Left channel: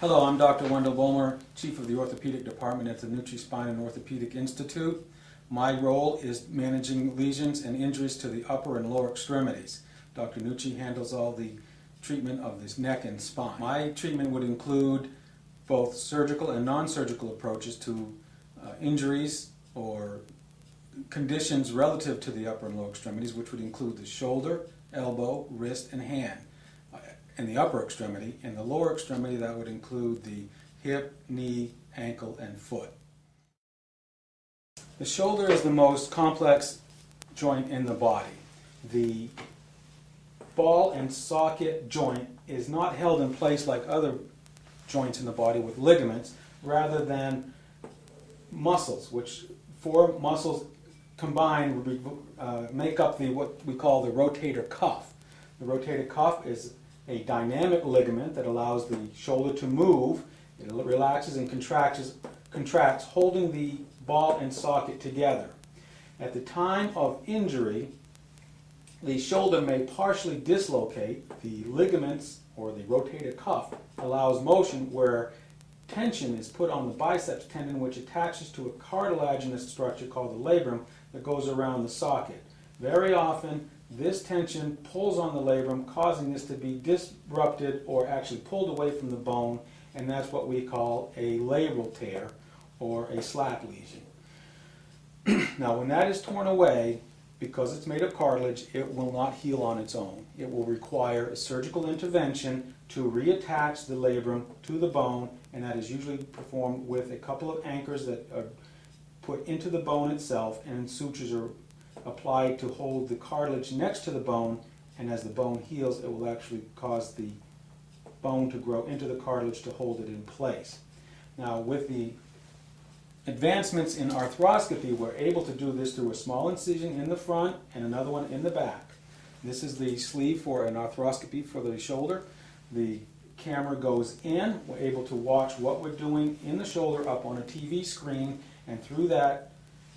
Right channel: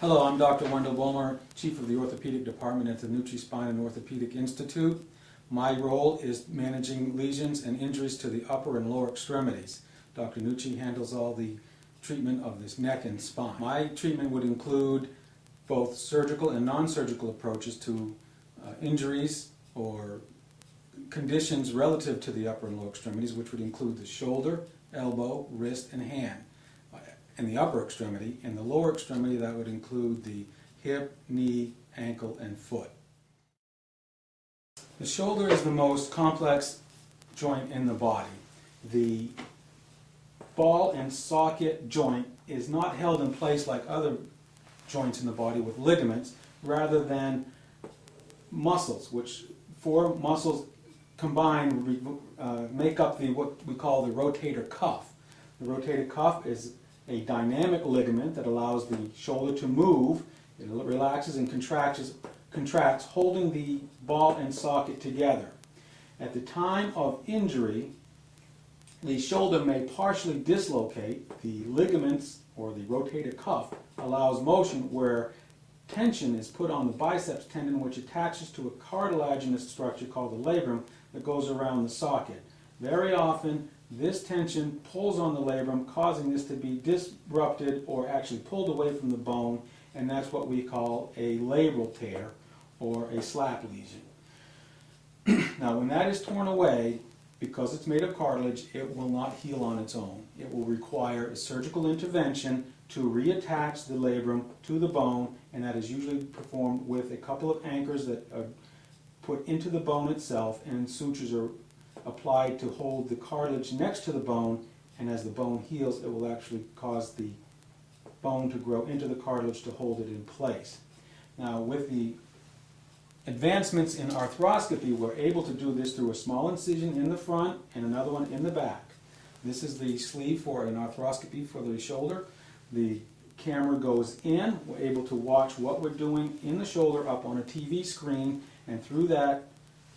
Hello, I'm Dr. Wendell Bulmer, Chief of the Orthopedic Department at the Nucci Spine and Orthopedic Institute. My role is managing lesions and injuries to the upper and lower extremities. Dr. Nucci handles all the treatment of this neck and spine. My treatment would include both surgical and non-surgical approaches to injuries or conditions relative to the upper and lower extremities, which would include the shoulder, elbow, wrist, and hand. In the upper extremity. In the lower extremity, that would include the hip, knee, ankle, and foot. The shoulder is the most complex joint in the body. The ball and socket joint is not held in place like other joints in the body with ligaments, rather than muscles, which four muscles combined make up what we call the rotator cuff. The rotator cuff is a dynamic ligament that allows the shoulder to move. It relaxes and contracts, holding the ball and socket together. At the time of injury, the shoulder may partially dislocate. The ligaments, or the rotator cuff, allows motion where tension is put on the biceps tendon, which attaches to a cartilaginous structure called the labrum that goes around the socket. Very often, this tension pulls on the labrum, causing this to be disrupted or actually pulled away from the bone, and that's what we call a labral tear or a slap lesion. Now, when that is torn away, because it's made of cartilage, it will not heal on its own. It will require a surgical intervention to reattach the labrum to the bone, and that is usually performed with a couple of anchors that are put into the bone itself, and sutures are applied to hold the cartilage next to the bone, and as the bone heals, it will actually cause the bone to grow into the cartilage to hold it in place. Now, with the advancements in arthroscopy, we're able to do this through a small incision in the front and another one in the back. This is the sleeve for an arthroscopy for the shoulder. The camera goes in. We're able to watch what we're doing in the shoulder up on a TV screen, and through that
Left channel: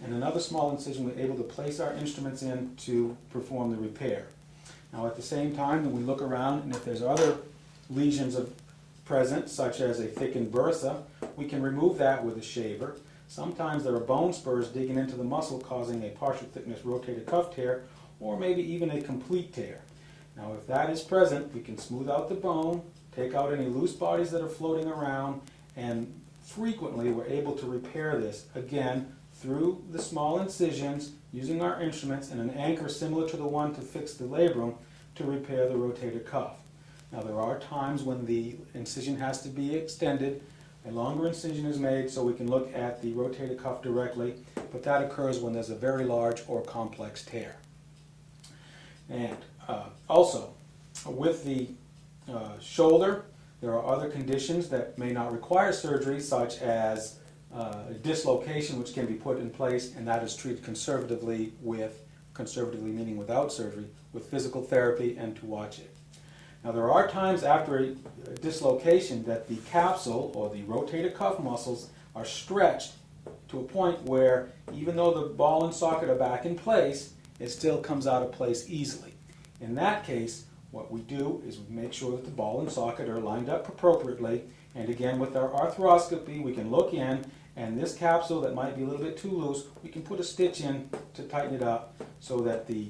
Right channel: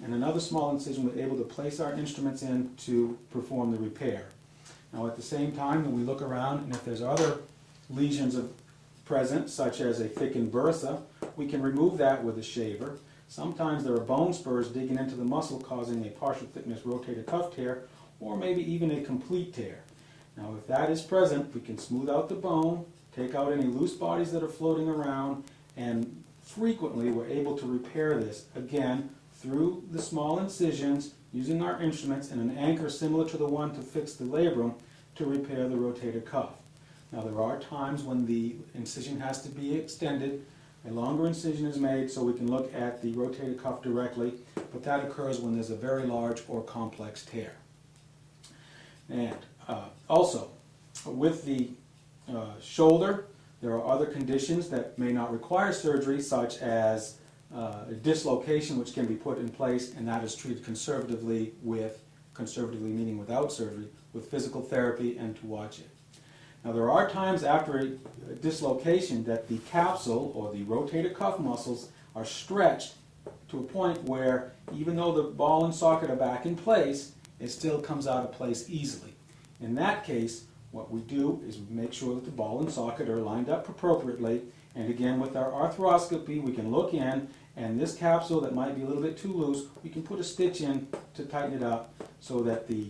and another small incision, we're able to place our instruments in to perform the repair. Now, at the same time, when we look around, and if there's other lesions present, such as a thickened bursa, we can remove that with a shaver. Sometimes there are bone spurs digging into the muscle, causing a partial thickness rotator cuff tear, or maybe even a complete tear. Now, if that is present, we can smooth out the bone, take out any loose bodies that are floating around, and frequently we're able to repair this, again, through the small incisions, using our instruments and an anchor similar to the one to fix the labrum to repair the rotator cuff. Now, there are times when the incision has to be extended. A longer incision is made so we can look at the rotator cuff directly, but that occurs when there's a very large or complex tear. And also, with the shoulder, there are other conditions that may not require surgery, such as a dislocation, which can be put in place, and that is treated conservatively meaning without surgery, with physical therapy and to watch it. Now, there are times after a dislocation that the capsule or the rotator cuff muscles are stretched to a point where, even though the ball and socket are back in place, it still comes out of place easily. In that case, what we do is we make sure that the ball and socket are lined up appropriately, and again, with our arthroscopy, we can look in, and this capsule that might be a little bit too loose, we can put a stitch in to tighten it up so that the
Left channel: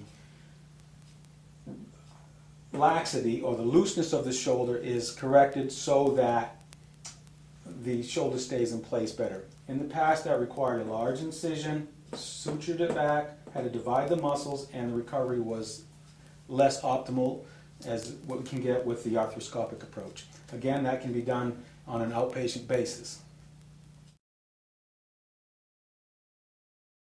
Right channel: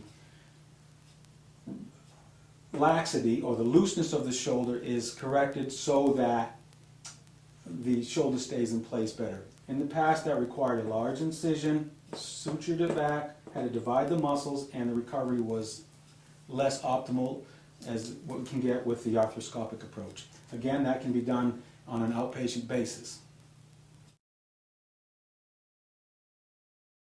laxity or the looseness of the shoulder is corrected so that the shoulder stays in place better. In the past, that required a large incision, sutured it back, had to divide the muscles, and the recovery was less optimal as what we can get with the arthroscopic approach. Again, that can be done on an outpatient basis.